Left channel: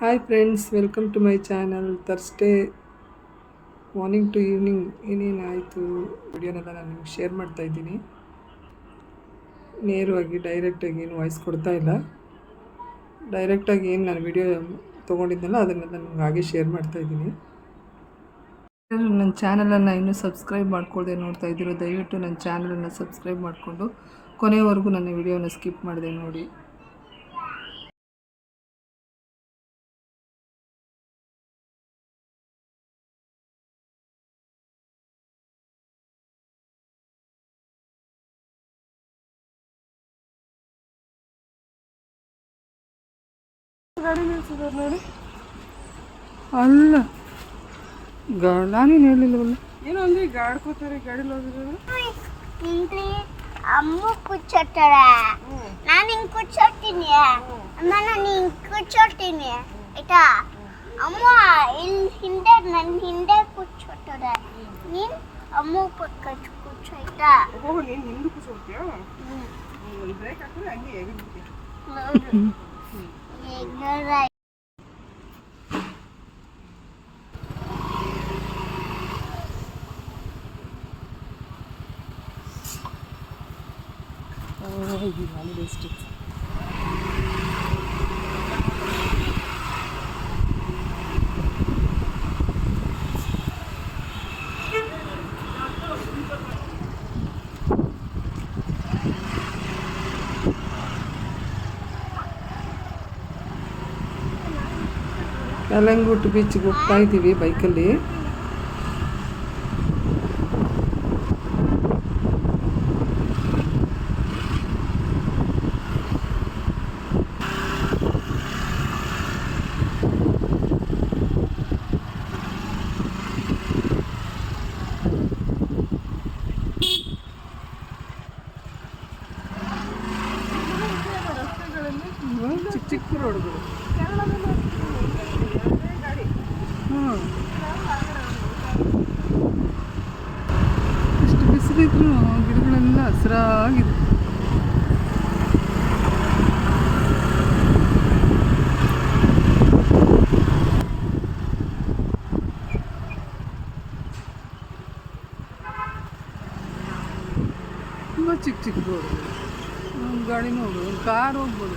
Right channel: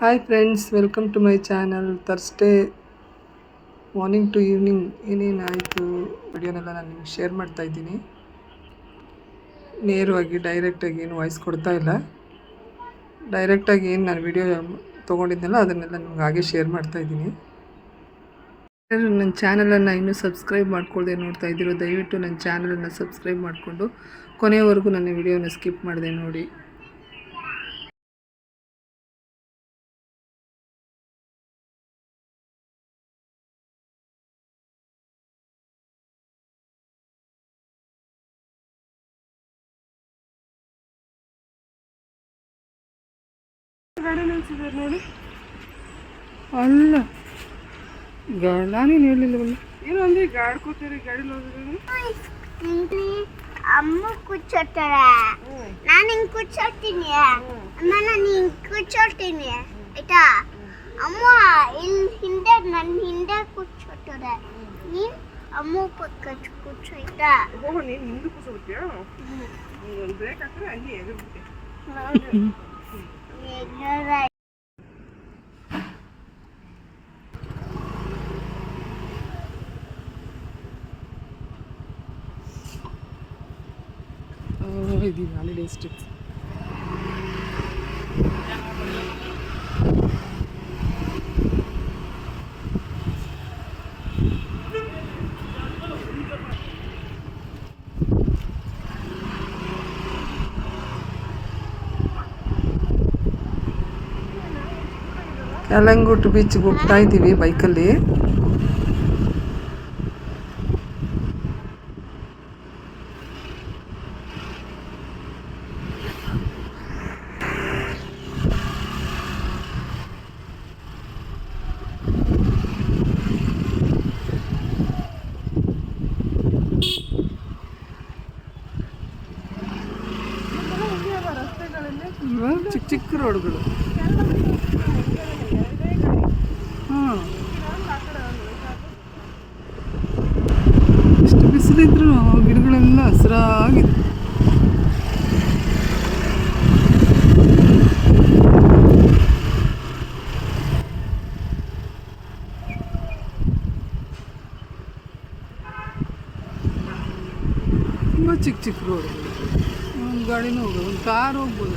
Hi friends welcome to my channel Thursday morning to evening ಏನೇನಾಯಿತು? ವಿಡಿಯೋನೆಲ್ಲ ನಾನು ನಿಮ್ಗೆ share ಮಾಡ್ತಾ ಇದ್ದೀನಿ. ನೇರವಾಗಿ ಡೈರೆಕ್ಟಾಗಿ ಏನು ವಾಯ್ಸ್ ಕೊಡ್ತಾ ಇಲ್ಲ. ಡೈರೆಕ್ಟಾಗಿ ಏನು ನಾನು ವಿಡಿಯೋ ತೊಗೊಂಡಿದ್ದೆಲ್ಲ ಅದನ್ನೆಲ್ಲ ನಿಮ್ಗೆ ಹಾಗೆ ಶೇರ್ ಮಾಡ್ತಾ ಇದ್ದೀನಿ. ನನ್ನ ಚಾನಲನ್ನು ಇನ್ನೂ ಸಬ್ಸ್ಕ್ರೈಬ್ ಮಾಡ್ಕೊಳ್ದೆ ನೋಡ್ತಾ ಇದ್ದೀರೋ, ದಯವಿಟ್ಟು ನನ್ನ ಚಾನಲನ್ನು ಸಬ್ಸ್ಕ್ರೈಬ್ ಮಾಡಿಕೊಂಡು ಕೊನೆಯವರೆಗೂ ನನ್ನ ವಿಡಿಯೋನ ಸ್ಕಿಪ್ ಮಾಡಿದೆ ನೋಡಿ. ಗಾಡಿ ನಿಲ್ಸಿದ್ದಾರೆ ನೋಡಿ. ಅಲ್ಲ ಗ ನಾನೇನು ಹೇಳಿಲ್ಲವಲ್ಲ ಏನು ಅಂದ್ರೆ ಈಗ ಆಡ್ಕೋತಾರೆ ಗಾಡಿ ಹೋಗಿದ್ರು ಅಮ್ಮ ಕೂರ್ಚೋತಾಳೆ ನಾನು ಹಿಂಗೆ ಕೂಚೋತೀನಿ. ಅಮ್ಮ ನಾನು ಹಿಂಗೆ ಕೂಚೋತೀನಿ. ಆಯ್ತಾ? ಅಮ್ಮ ಇಲ್ಲಿ ಹಿಂದೆ ನನ್ನ ಹಿಂದೆ ಕೂರ್ಚೋತಾರೆ ನೀನು ಅಮ್ಮ ಪಕ್ಕ ಕೂರ್ಚೋ ಆಯ್ತಾ? ನೀ ನೀನು ಹಿಂದೆ. ಒಂದು ಬ್ರೇಕ್ ಹಾಕಿದ್ರೆ ಹಂಗೆ ಎಗರ್ಬಿಟ್ಟೆ ಹೌದು ಇಗ್ನೋರ್ ಆಯ್ತು. ಇದು ಹಾಲಿಡೇ ಸ್ಟಿಕ್ಸ್ ಕಲಂಗುಟ್ಟು ಬೀಚ್ಗೆ ಹೋಗ್ತಾ ಇದ್ದೀವಿ ಬೈಕಲ್ಲಿ ಇವಾಗ ಚಿಕ್ಕ ಚಿಕ್ಕ ರೋಡ್ಗಳು ಹಾಂ ಇಷ್ಟು ಬಿಸಿಲಿದ್ರು ಗಿಡಗಳೆಲ್ಲ ಹಸಿರಾಗಿದೆ ತುಂಬ ಚಿಕ್ಕ ಚಿಕ್ಕ ರೋಡು. ಒಂದು ಗಾಡಿನೂ ಹೋಗ್ಬೋದು ಒಂದು ಕಾರ್ ಹೋಗ್ಬೋದು.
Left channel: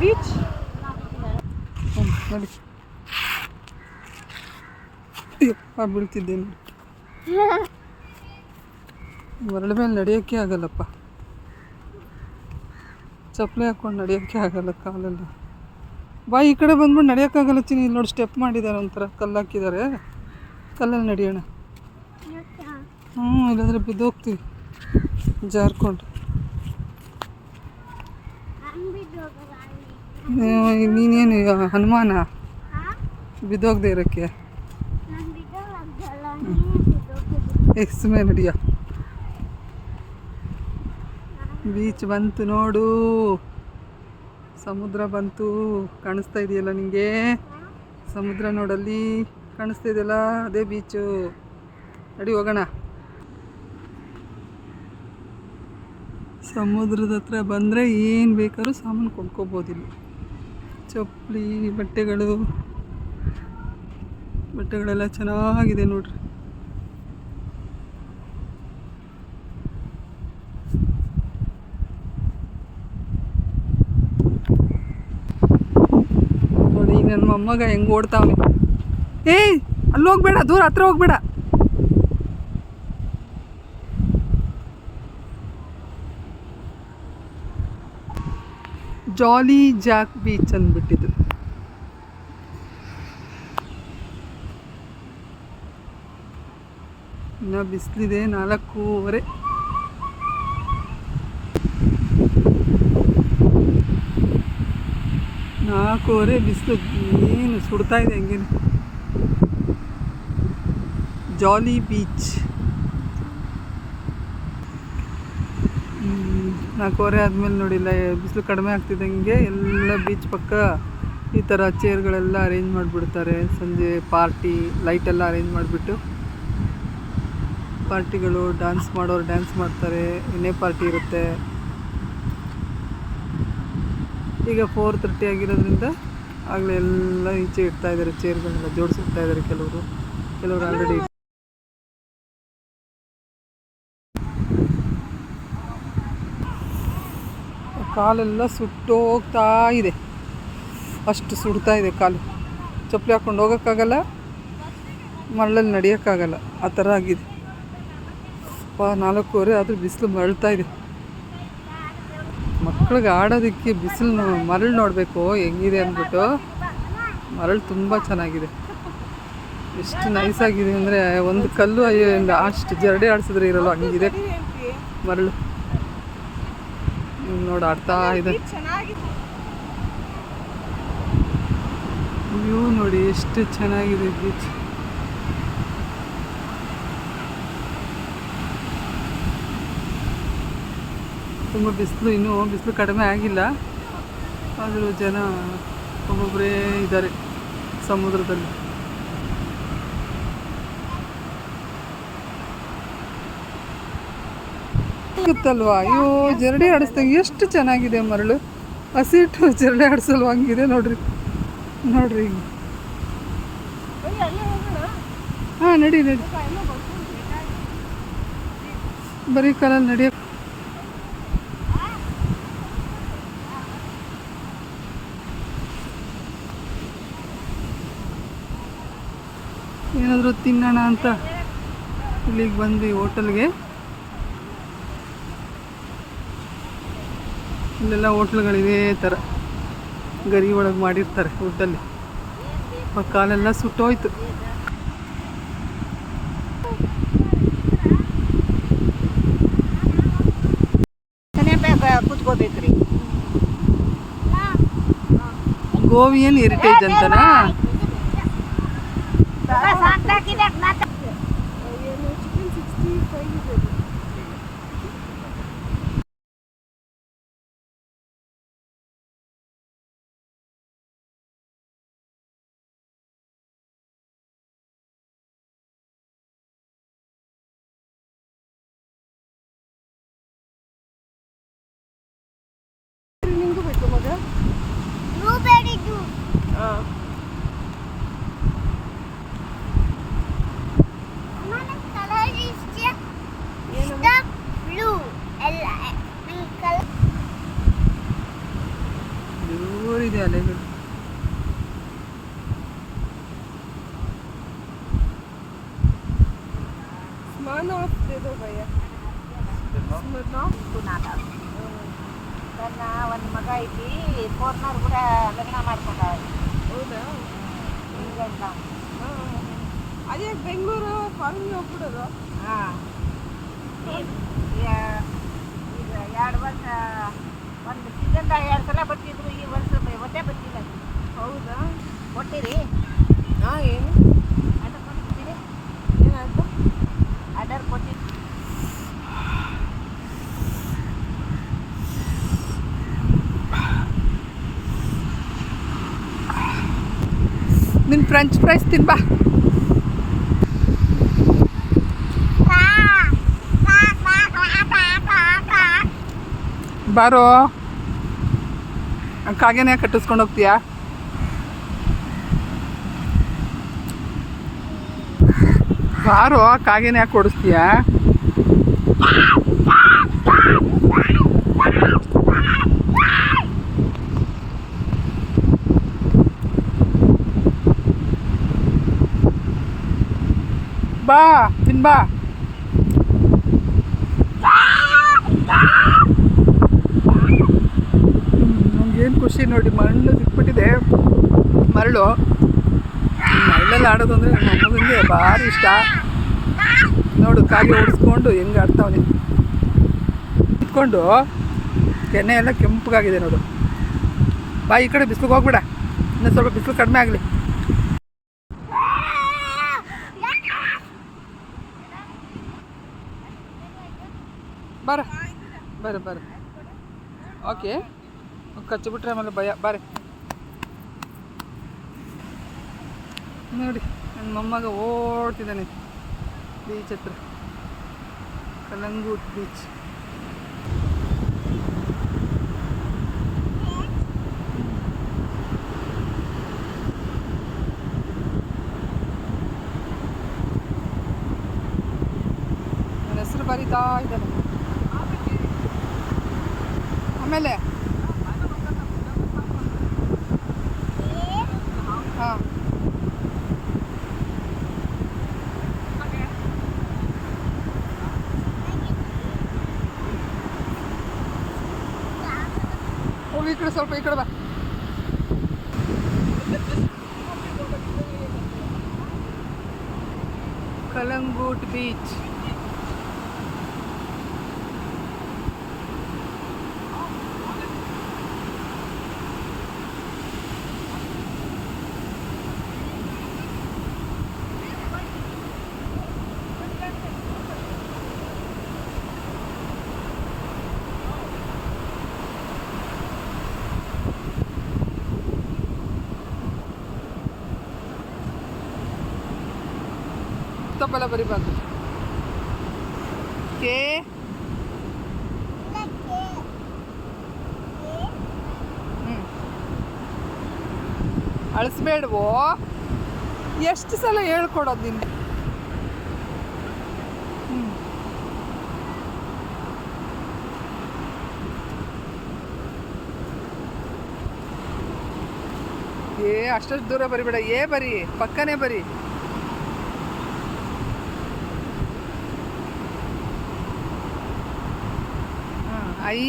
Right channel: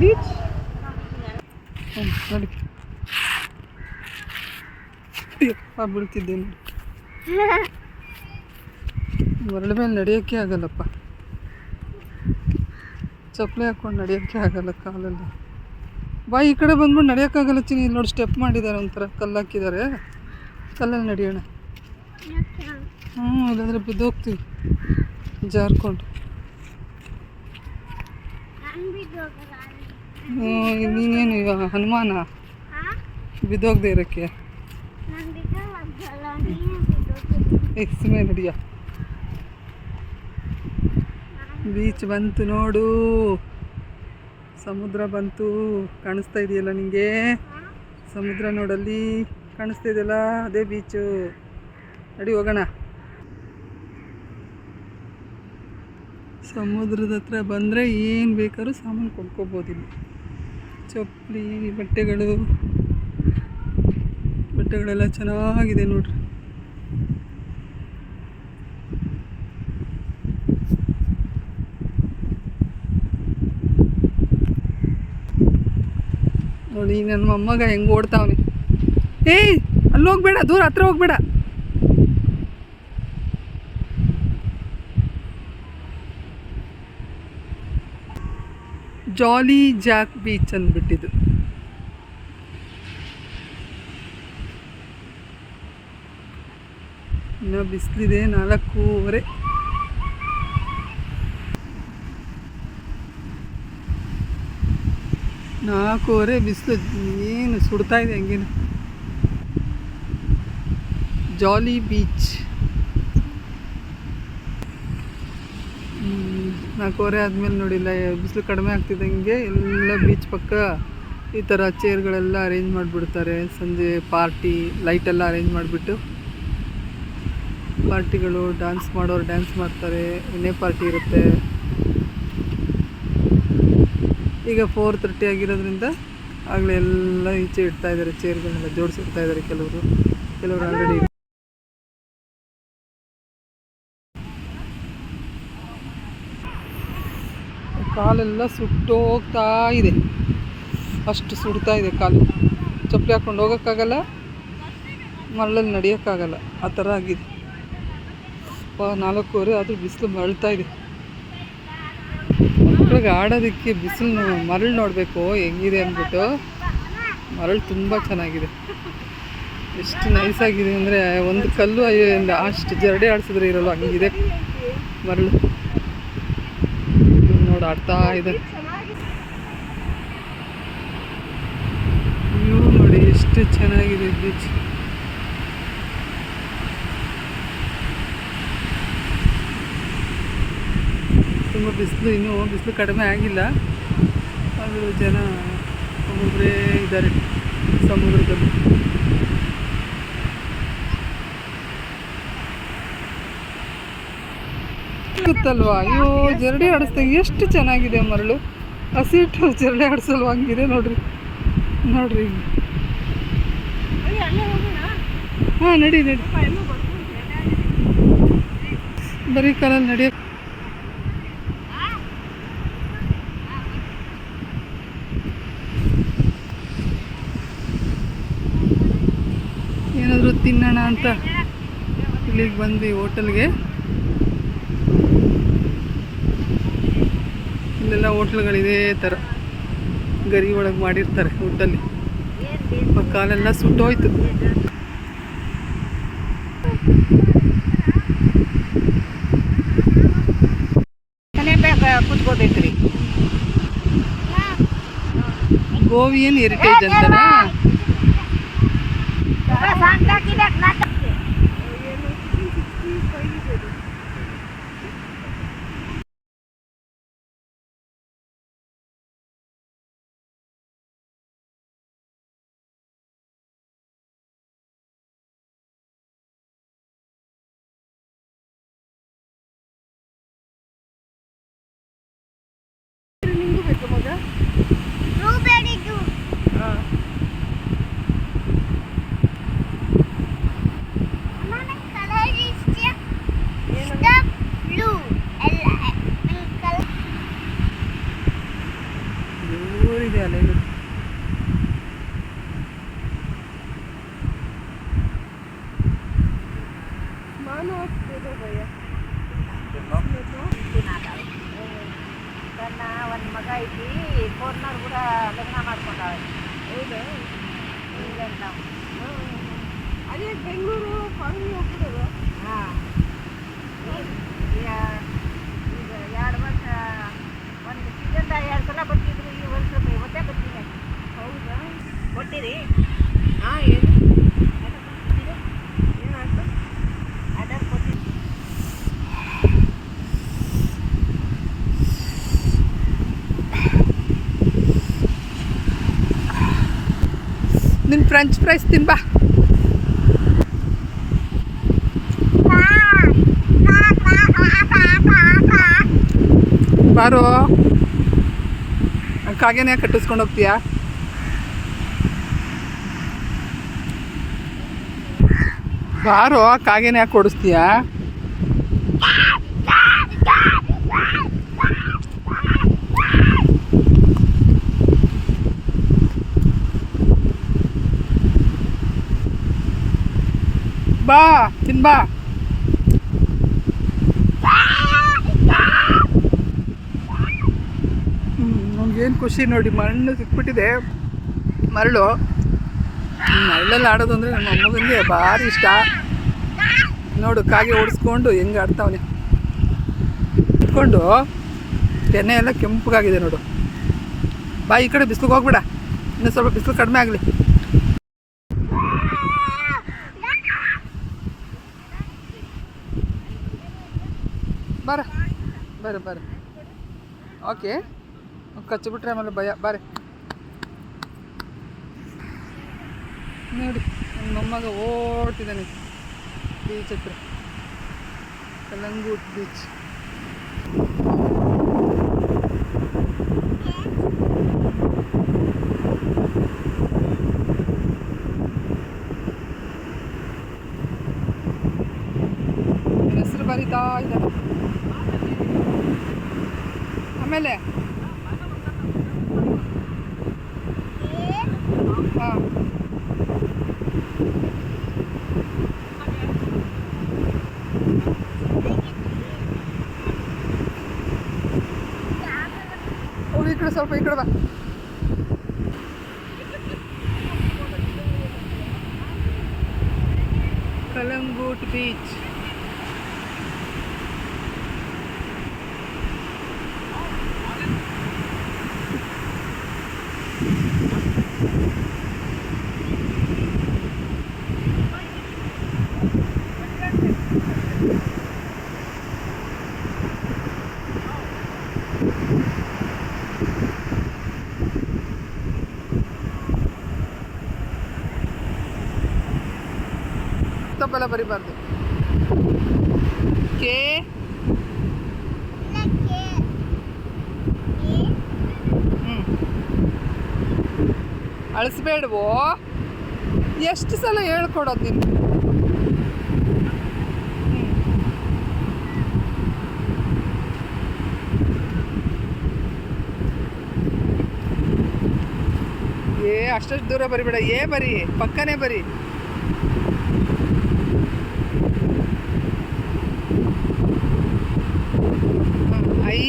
ಬೀಚ್ ಹ್ಞೂ ನೋಡಿ ಆ ಮರಳ ಮೇಲೆ ನಡೆಯೋಕ್ಕೆ ಆಗಲ್ಲಪ್ಪ. ಚಪ್ಪಲಿ ಹಾಕೊಂಡು ನಡೆಯೋಕ್ಕೆ ಆಗಲ್ಲ ಕಾಲೆಲ್ಲ. ಬಾ ಈ ಕಡೆ ಬಂದ್ಬಿಟ್ಟು ನಡೆಯೋಕ್ಕಾಗಲ್ಲ ಚಿನಿ ಇಲ್ಲಿ ನೋಡಿ ಸ್ಟೆಪ್ ಮಾಡಿದ್ದಾರೆ ಒಂಥರ. ಕಲ್ಲು ಹಾಕಿದ್ದಾರೆ. ಕಲ್ಲಲ್ಲಿ ನಡೆಯೋಣ. ಹ್ಞೂ ಇಲ್ಲಾಂದರೆ ಬಿದ್ದೋಗ್ತೀವಿ. ಜಾರ್ಕೊಂಡು ನಾನ್ ಬಿದ್ದೋಗಲ್ಲ ಅಲ್ಲಿ. ಹ್ಮ್, ನೀನೇನು ಇವಾಗ ಹನುಮಾನ? ಬಿದ್ದೋಗದೆ ಇರೋಕ್ಕೆ? ಮೇಲೆ ನಡಿಯ. ಬೀಚ್ ಬಂತು ನೋಡು. ಸಮುದ್ರ ಬಂತು. ಕಾಣಿಸ್ತಾ ಇದೆಯಲ್ಲ ನಿಮಗೆ? ಸಮುದ್ರ ನೋಡಲ್ಲಿ ಕಾಣಿಸ್ತಾ ಇದೆಯಲ್ಲ ಅದೇ ಬೀಚು. ನಡಿ ಹೋಗೋಣ. ಸಮುದ್ರದ ಹತ್ರ ಬಂದರೆ ಏನು ಬೇಕಾದ್ರೂ ಸಾಮಾನು ಕೊಂಡ್ಕೋಬೋದು ಇಲ್ಲಿ. ಚಪ್ಪಲಿ, ಬಟ್ಟೆಗಳು. ಬಟ್ಟೆಗಳೆಲ್ಲ ಚೆನ್ನಾಗಿದೆ ನೋಡ್ರಿ. ನೋಡಿ ನನ್ನ ಮೊಮ್ಮಗ ಹೆಂಗ್ ಓಡ್ತಾವೆ ಏಯ್ ಅಲ್ಲಿ ಹೋಗ್ಬೇಡ ದೂರ ಹತ್ರ ಹೋಗ್ಬೇಡ. ಜಾಲಿ ಜಾಕ್ ಬೀಚ್ ಅಂದ್ಬಿಟ್ಟಿದ್ದು ಇನ್ನು ಬಿಸಿಲಿದೆ ನಾಲ್ಕೂವರೆ. ನಾಲ್ಕೂವರೆ ಬಿಸಿಲು ಏನು ಸುಡ್ತಾ ಇದೆ ಹಂಗೇನು. ಜಾಲಿ ಬೀಚ್ ನಾಲ್ಕೂವರೆ ಆದಮೇಲೆ ನೋಡಿಲ್ಲ ಬಿಸಿಲು ಕಡಿಮೆ ಆಗ್ತಿದ್ದಂಗೆ ಎಲ್ಲ ಬೀಚ್ ಪಕ್ಕ ಈ ಥರ ಚೇರ್ಗಳೆಲ್ಲ ಅರೇಂಜ್ ಮಾಡಿಬಿಡ್ತಾರೆ. ಸಂಜೆ ಪಾರ್ಟಿ ಲೈಟೆಲ್ಲ ಅರೇಂಜ್ ಮಾಡಿಬಿಟ್ಟು ಪಾರ್ಟಿಗಳು ಡ್ಯಾನ್ಸ್ ಮಾಡೋರು ಡ್ಯಾನ್ಸ್ ಮಾಡ್ತಾರೆ, ಎಣ್ಣೆ ಪಾರ್ಟಿ ಇರುತ್ತೆ. ಈಗ ಫೋರ್ ತರ್ಟಿ ಆಗಿರೋದ್ರಿಂದ ಆಗಲೇ ಎಲ್ಲ ಈಚೆ ಇಡ್ತಾ ಇದ್ದಾರೆ ಚೇರ್ಗಳನ್ನೆಲ್ಲ ಜೋಡಿಸಿರ್ತಾ ಇದ್ದಾರೆ ಕೆಲವರು. ಕೆಲವರು ಆಲ್ರೆಡಿ ಕಾಲೆಲ್ಲ ಸುಟ್ಟೋಗ್ತಾ ಇದೆ. ಅಷ್ಟು ಸುಡ್ತಾ ಇದೆ ಕಾಲು. ಚಪ್ಪಲಿ ಹಾಕ್ಕೊಂಡು ಹೋಗೋಕ್ಕಾಗಲ್ಲ, ಮರಳಲ್ಲಿ ನಡೆಯೋಕ್ಕಾಗಲ್ಲ. ಆ ಥರ ಆಗಿದೆ. ನಾಲ್ಕೂವರೆ ಆದರೂ ಬಿಸಿಲು ಮರಳ್ತಾ ಇದೆ. ಮಕ್ಳಿಗೆ ಆಡೋದಕ್ಕೆ ಬಿಸಿಲು ಮರಳು ನೋಡಬೇಕು, ಹೆಂಗಿದೆ ಅಂದ್ಬಿಟ್ಟು ಮರಳು ತುಂಬ ಚೆನ್ನಾಗಿದೆ. ಎಷ್ಟು ನೈಸಾಗಿದೆ ಅಂದರೆ, ಒಂದು ಕಲ್ಲು ಅಯ್ಯೋ ಅಷ್ಟು ಜರಡಿ ಆಡಿಸಿದ್ರೆ ಇರಲ್ಲ, ಹಂಗಿದೆ ಮರಳು. ನೋಡಿ ಆಡ್ತಾ ಇದೆ ವ್ಯೂ ನೋಡಿ ಎಷ್ಟು ಚೆನ್ನಾಗಿದೆ ಬೀಚ್ ತುಂಬ ಬಿಸಿಲು ಇನ್ನೂ ಬಿಸಿಲು ಕಡಿಮೆ ಆಗಿಲ್ಲ. ಆದರೂ ಜನ ಒಬ್ಬೊಬ್ಬರೇ ಇದ್ದಾರೆ ಸಮುದ್ರದಲ್ಲಿ. ಗೊತ್ತಲ್ವಾ ಅಯ್ಯೋ, ಜರಡಿ ಆಡಿಸ್ದಾಗ ಎಷ್ಟು ಚೆನ್ನಾಗಿದೆ ಮರಳು. ಹಸಿಟ್ಟು ಜರಡಿ ಆಡಿಸಲ್ವ ಹಂಗಿದೆ ನೋಡ್ರಿ. ನೋಡ್ರಿ ಹಾಂ, ನಡಿ ನಡಿ. ಬರೀ ಕಾಲಲ್ಲಿ ನಡಿಯೋ ಏನಾದರೂ ತಿನ್ನೋಣ ಅಂತ ಇಲ್ಲಿಗೆ ಬಂದ್ವಿ ಹೋಟೆಲ್ಗೆ. ಇಲ್ಲೆಲ್ಲ ಹೋಟ್ಲ್ಗಳಿದೇ ಥರ ಗರಿ ಒಳಗೆ ಮಾಡಿರ್ತಾರೆ ಊಟದಲ್ಲಿ ಕಾಲೆಲ್ಲ ಸುಟ್ಟೋಯ್ತು. ಗೋವಿ ಗೋವಿಯನ್ ಹೆರಿಟೇಜ್ ಅಂತನಾ ಏನು ಚಿಕನ್ ಸಿಕ್ಸ್ಟಿ ಫೈವ್ ಇದೆ ಅದು. ನಿಂಗೂ ಬೇಕು ಮಗ ಬ್ಲೂಬೆರಿ ಜ್ಯೂಸ್ ಹಾಂ ನನಗೆ ಕಲರ್ ಇಷ್ಟ ಇಷ್ಟ ಬ್ಲೂ ಎಲ್ಲ ನಂಗೆ ಕಲರ್ ಜೋರಿದೆ ಅಲ್ಲ ಸ್ಮಾನ್ ಆಫ್ ದೇದೋ ಭಯ್ಯ ನನ್ನ ಒಂದು ಮಗ ಐತಿ ಫೋರ್ನರ್ ಕೂಡ ಲಗ್ನ ಮಾಡ್ಕೊಂಡವ ಹೌದಾ? ಅದೇ ಬೆಂಗಳೂರು ಫಾರಿನ್ ಹೋಗ್ಬಿಡೋದು? ಹಾಂ. ಈಗ ಈಗ ಎರಡು ವರ್ಷ ಒಂದು ಸೀಸನ್ದಾಗ ಎರಡು ಸಲ ಬರ್ತಿದ್ರು ಈ ವರ್ಷ ಇವತ್ತೇ ಒಟ್ಟೆ ಬರ್ತಿಲ್ಲ. ಹೌದಾ? ಕೊಟ್ಟಿರಿ. ಹಾಂ ಏನು ಆರ್ಡರ್ ಕೊಟ್ಟಿದ್ದೀರಿ ಏನಾಯ್ತು? ಆರ್ಡರ್ ಕೊಟ್ಟಿದ್ದು ನಿನ್ನ ಫ್ರೆಂಚ್ ಫ್ರೈಸ್ ತಿನ್ಬಾ. ಬಾರೋ. ಕಾಗೆನೇ ಕಟ್ಟಿಸ್ಕೊಂಡು ಹೋಗ್ತೀಯಾ? ಬಾರೋ ಕಾಗೆನೇ ಯಾಕೆ ಕೊಡಿಸ್ತೀಯಾ ಬಾ ತಿನ್ ಬಾ. ನಮ್ಗೇನು ಖುಷಿ ನೋಡಿ, ಮಣ್ಣು ಸಿಕ್ಬಿಟ್ಟಿದೆ. ಮರಳು. ಮರಳಲ್ಲಿ ಆಡೋದು ಅಂದರೆ ನಮ್ಮ ಮೊಮ್ಮಗನಿಗೆ ಭಾರಿ ಇಷ್ಟ. ನೋಡು, ಕಾಗೆ ಓಡಿಸ್ಕೊಂಡು ಹೆಂಗೆ ಆಡ್ತಾವನೆ. ಇಟ್ಕೊಂಡು ತೆನೆ ಎಲ್ಲ ಕೆಂಪಗಾಗಿದೆ ನೋಡು. ಬಾ, ಈ ಕಡೆ ಬಿಸಿಲಿಗೆ ಹೋಗ್ಬೇಡ. ಇನ್ನೂ ಸ್ವಲ್ಪ ಬಿಸಿಲು ಕಡಿಮೆ ಆಗಲಿ. ಬರ ಬರ ಬರ. ಓಕೆ. ಕಚ್ಚಿಬಿಟ್ರೆ ಆಮೇಲೆ ಭಯ ಬಾರೆ ನೋಡಿ ನನ್ನ ಮೊಮ್ಮಗ ಓಡ್ತಿದ್ದಾನೆ ಬೀಚ್ ಹತ್ರ ಕಲಂಗೂಟ್ ಬೀಚ್ ನನ್ನ ಹೆಸರು ಬರೀತಾ ಇದ್ದಾನೆ ಆಮೇಲೆ ಹಾಂ ಹೋಗಿ ಈ ಕಡೆ ಸ್ವಲ್ಪ ಈ ಕಡೆ ತಪ್ಪೆಲ್ಲ ಬರಿಬಾರ್ದು ಕೆ. ಅಳಿಸ್ಬೇಡವೋ. ಎಷ್ಟು ಸಲ ಹೇಳ್ಕೊಡೋದು ನಿಮ್ಗೆ? ಏ ಅಷ್ಟಷ್ಟು ದೂರ ಬರಿಬೇಡ. ಏ, ಬರಿ. ಪಕ್ಕನೆ ಬರಿ ಹಾಂ ಐ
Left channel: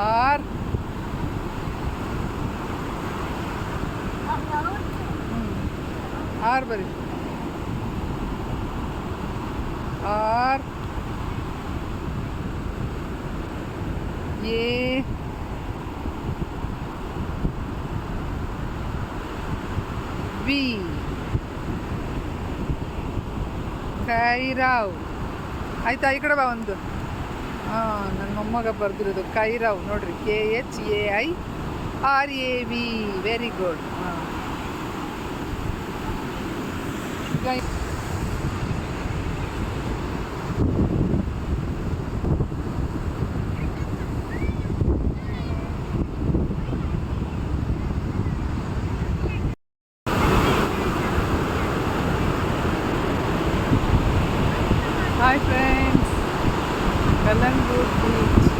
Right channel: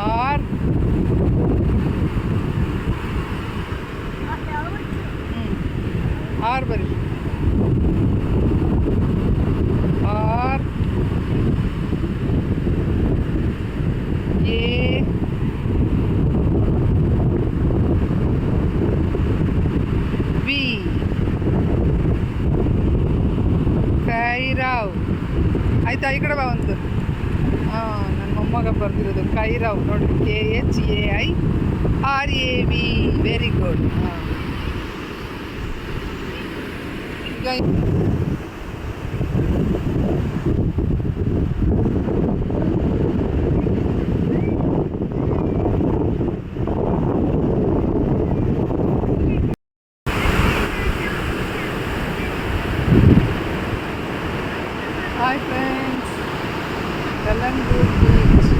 ಆರ್ ಹ್ಞೂ ಆರ್ ಬರಿ. ಆರ್. ಎ. ವಿ. ಕೈರಾವ್. ಆಯ್ತಾ, ಈ ಕಡೆ ಬಾ ಒಂದು. ಹಾಂ ನನ್ನ ಮೊಮ್ಮಗ ಬರೆದಿರೋದು ಕೈರಾವ್. ನೋಡ್ರಿ, K H A I R A V. Very good ಹಾಂ. ಈಗ ಹಾಯ್ ಫ್ರೆಂಡ್ಸ್ ಕಲ್ಲಂಗೂರ್ ಬೀಚ್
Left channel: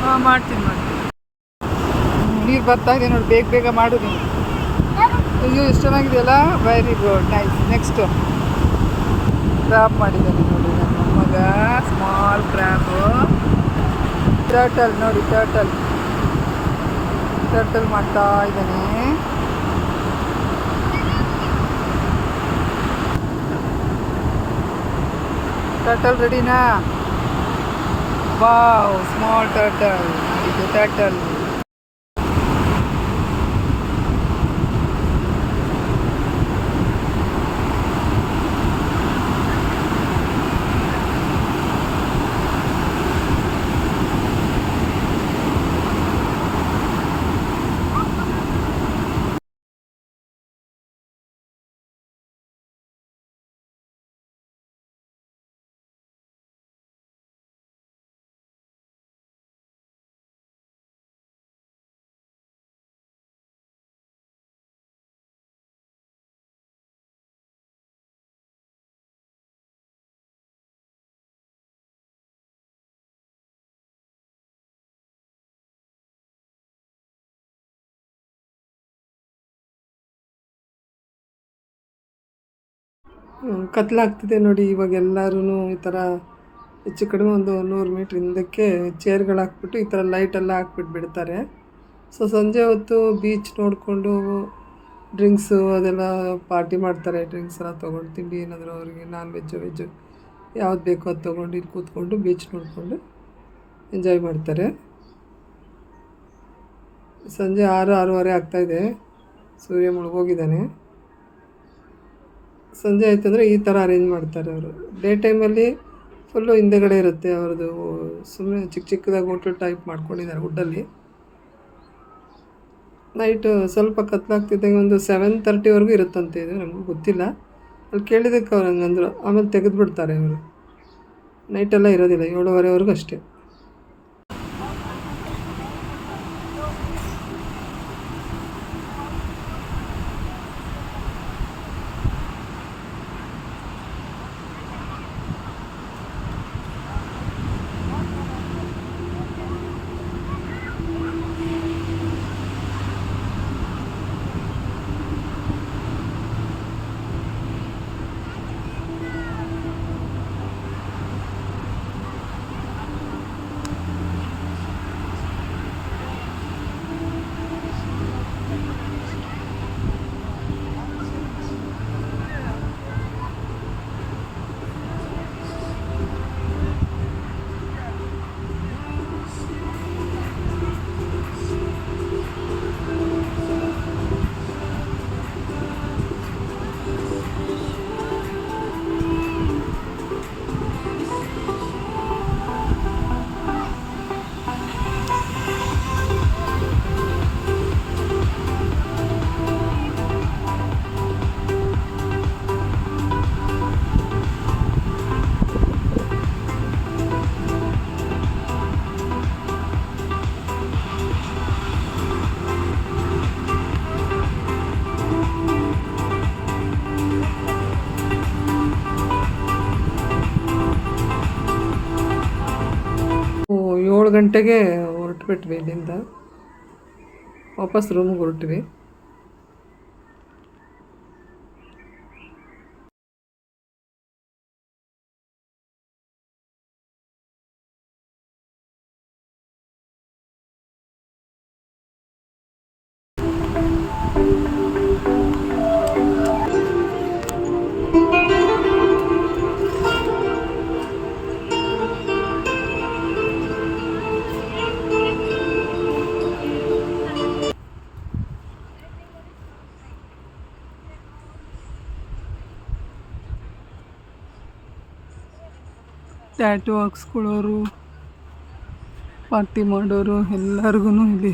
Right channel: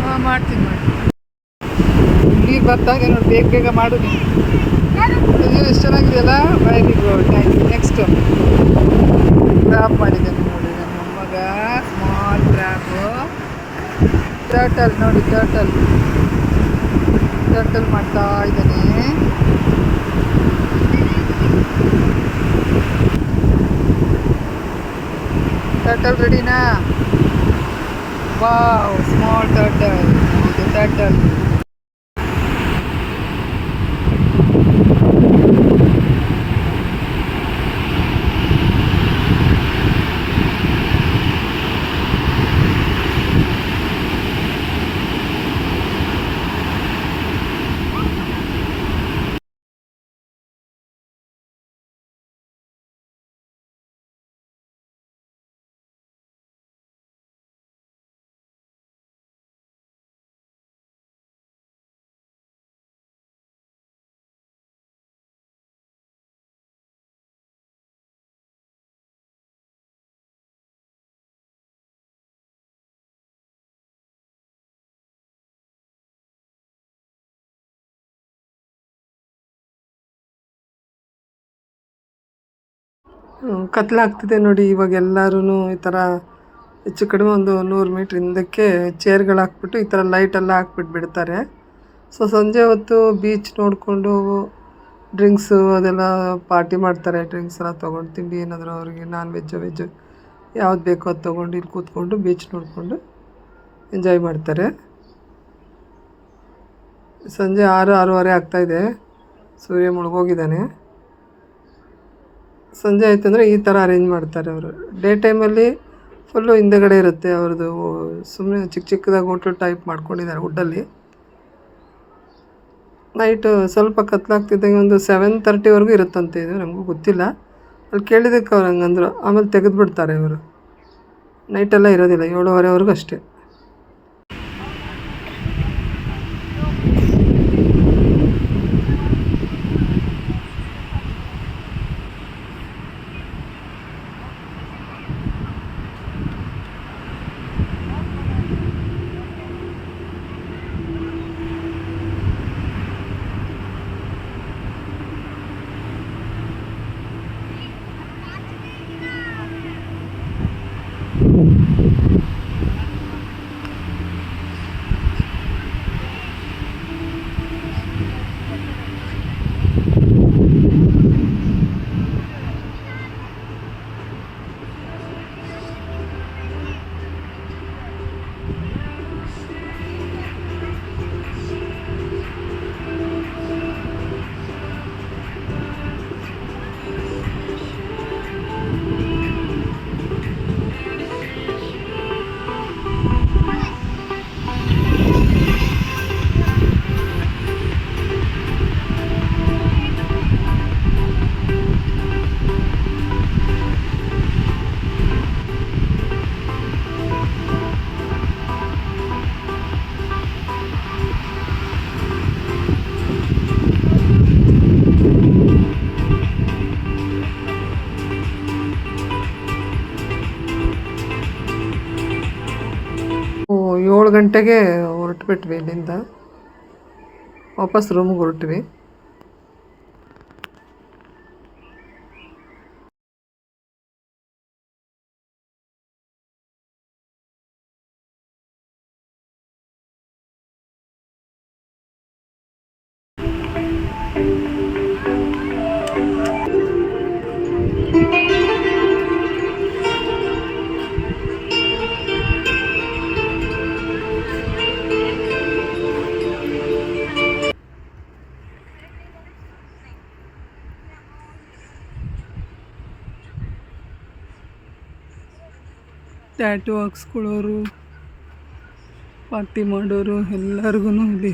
ಹಾಂ ಮಾಡ್ತೀನಿ ಮಾಡ್ತೀನಿ ನೀರು ಬರ್ತಾ ಇದೆ ನೋಡಿ, ಬೇಗ ಬೇಗ ಮಾಡು ನೀನು. ಅಯ್ಯೋ ಎಷ್ಟು ಚೆನ್ನಾಗಿದೆಯಲ್ಲ very good nice next crop ಮಾಡಿದ್ದೇನೆ ನೋಡಿ ನನ್ನ ಮೊಮ್ಮಗ. ಸ್ಮಾಲ್ ಕ್ರಾಪು ಟರ್ಟಲ್ ನೋಡಿ ಟರ್ಟಲ್ ಟರ್ಟಲ್ ಮಾಡ್ತಾ ಇದ್ದಾನೆ. ಟರ್ಟಲ್ ರೆಡಿನಾ ವಾವ್ ಸ್ಮಾಲ್ ಟರ್ಟಲ್ ಟರ್ಟಲ್ ಕತ್ಲಾಗ್ತಿದೆ ನೋಡಿ, ಇವಾಗ ಎಲ್ಲರೂ ಈ ಥರ ಹೆಚ್ಚು ಕಡಿಮೆ ಒಂದು ನೂರು ಮೀಟ್ರ್ ಹಿಂದಕ್ಕೆ ಚೇರ್ಗಳು ಹಾಕ್ಬಿಟ್ಟು ಈ ಥರ ಲೈಟೆಲ್ಲ ಹಾಕ್ಬಿಟ್ಟು ಬಿಡ್ತಾರೆ. ಸೊ ಸಂಜೆ ಹೊತ್ತು ಬೀಚ್ ನೋಡಿಕೊಂಡು ಡ್ರಿಂಕ್ಸು ಅದೆಲ್ಲ ಪಾರ್ಟಿ ಮಾಡ್ತಾರೆ. ಡ್ರಿಂಕ್ಸ್ ಎಲ್ಲ ತೊಗೊಂಡು ತಿಂಡಿ ಏನಾದರೂ ಅವ್ರಿಗೆ ನಾನ್ ವೆಜ್ಜು ವೆಜ್ಜು ಯಾವ್ದು ಬೇಕೋ ಅದು ತೊಗೊಂಡು ಇಲ್ಲಿ ಕೂತ್ಕೊಂಡು ಬೀಚ್ ನೋಡಿಕೊಂಡು ಎಂಜಾಯ್ ಮಾಡ್ತಾರೆ. ಸಂಜೆ ಆರು, ಆರೂವರೆ ಆಗ್ತಾಯಿದೆ ಸೂರ್ಯ ಮುಳುಗೋಗಿದ್ದಾನೆ. ಸಂಜೆ ಆಯ್ತು ಅಂದರೆ ಈ ಥರ ಅರೇಂಜ್ ಮಾಡ್ತಾರೆ ಅವರು. ಡೇ ಟೈಮಲ್ಲಿ ಫುಲ್ಲು ಹಿಂದೆಗಡೆ ಇರುತ್ತೆ ಅವ್ರದ್ದು ಸುಮ್ಮನೆ ಚಿಕ್ಕ ಚಿಕ್ಕದಾಗಿ ಹೋಟ್ಲು ಟೈಪ್ ಮಾಡ್ಕೊಂಡಿದ್ದಾರೆ ವುಡ್ಡಲ್ಲಿ ನೈಟು ಸ್ವಲ್ಪ ಕತ್ಲಾಗ್ತಿದ್ದಂಗೆ ಒಂದು ಸೆವೆನ್ ತರ್ಟಿವರೆಗೂ ಇರುತ್ತಂತೆ ಇದು, ನಮಗೂ ಗೊತ್ತಿಲ್ಲ. ಅಲ್ಲಿ ಕೇಳಿದ್ದಕ್ಕೆ ಅವ್ರು ಹಂಗಂದ್ರು. ಆಮೇಲೆ ತೆಗೆದುಬಿಡ್ತಾರೆ ಇವರು. ನೈಟೆಲ್ಲ ಇರೋದಿಲ್ಲ, ಏಳುವರೆವರೆಗೂ ಅಷ್ಟೇ. ಏಳು ಗಂಟೆಗೆ ಹೊರಟ್ಬಿಟ್ವಿ ಇಲ್ಲಿಂದ. ವಾಪಸ್ ರೂಮಿಗೆ ಹೊರಟ್ವಿ. ಟ್ಯಾಟು ಹಾಕ್ಸ್ಕೊಳ್ಳೋರು ಪಾರ್ಟಿ ಮಾಡೋರು ಎಲ್ಲರಿಗೂ ಇಲ್ಲಿ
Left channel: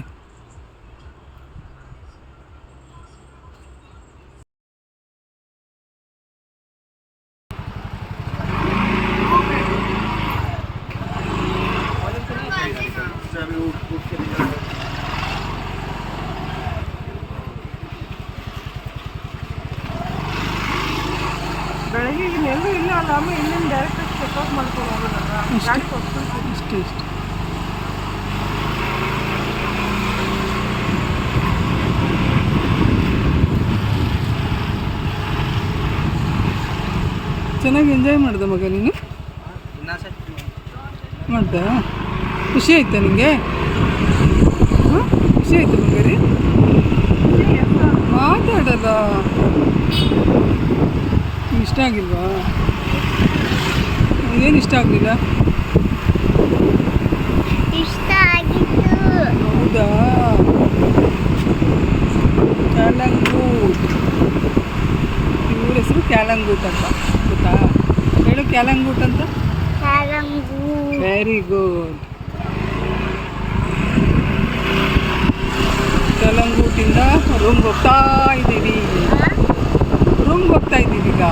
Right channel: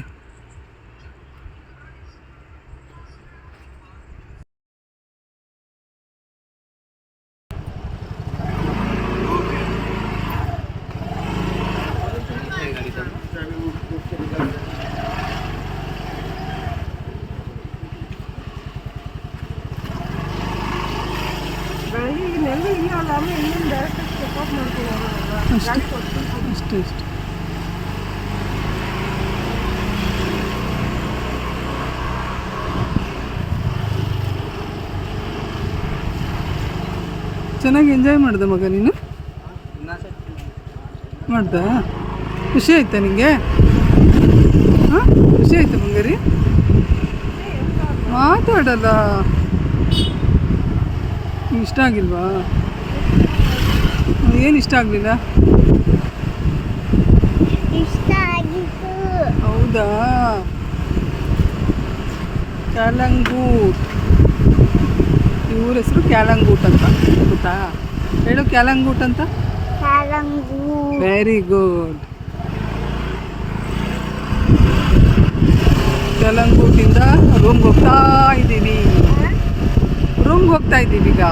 ಬೆಳಗ್ಗೆ ಈಗ ನೆಲ್ಲೂ ಇಲ್ಲ ಅಲ್ಲ ಆಮೇಲೆ ಇಲ್ಲಿಂದ ಚೆನ್ನಾಗಿ ಎಂಜಾಯ್ ಮಾಡ್ದೆ ಮಗ ನೀನು? ಮಾಡ್ದ? ಖುಷಿ ಆಯ್ತಾ ನಿಂಗೆ? ಹಾಂ? ಖುಷಿ ಆಯ್ತು ಬಂಗಾರಿ ಮಾತಾಡಲ್ಲ. ಇಷ್ಟ ಆಗಿಲ್ವಾ? ಏನು ಇಷ್ಟ ಆಗಲಿಲ್ಲ? ಇಷ್ಟ ಆಗಿತ್ತು. ಹೌದಾ? ಕ್ಯಾಲಂಗೂಟ್. ಇವ್ರ ಹೆಸರು ಕ್ಯಾಲಂಗೂಟ್ ಅಂತ ಗೊತ್ತಾ? ಹೇಳು ಕ್ಯಾಲಂಗೂಟ್ ಅಂತ. ವೆರಿ ಗುಡ್ ಕ್ಯಾಲಂಗೂಟಿಂದ ರೂಮ್ಗೆ ಹೋಗ್ತಾ ಇದ್ದೀವಿ. ರೂಮ್ಗೆ ಹೋಗ್ತಾ ಇದ್ದೀವಿ ಈಗ.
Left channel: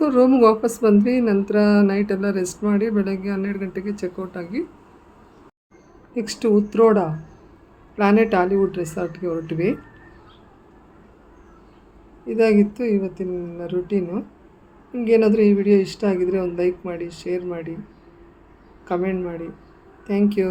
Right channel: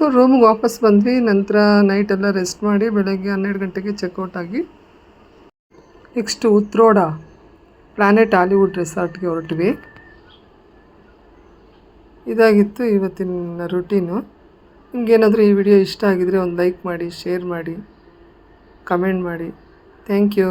ಸೊ ರೂಮ್ಗೆ ವಾಪಸ್ ಬಂದ್ವಿ. ನಂತರ ನೈಟ್ ಎಲ್ಲ ರೆಸ್ಟ್ ಮಾಡಿ ಬೆಳಗ್ಗೆ ಹನ್ನೆರಡು ಗಂಟೆಗೆ ಚೆಕ್ಔಟ್ ಆಗಿ ನೆಕ್ಸ್ಟ್ ಉತ್ರೋಡ ಪ್ಲಾನೆಟ್ ಹಾಲಿವುಡ್ ರೆಸಾರ್ಟ್ಗೆ ಹೊರಟ್ವಿ. ಇದಾಗಿತ್ತು ಇವತ್ತಿನ ರುಟೀನು ನಿಮಗೇನಾದರೂ ಈ ವಿಡಿಯೋ ಇಷ್ಟ ಆಗಿದರೆ ಒಂದು ಲೈಕ್ ಮಾಡಿ ಶೇರ್ ಮಾಡಿ ಕಮೆಂಟ್ ಮಾಡಿ. Thank you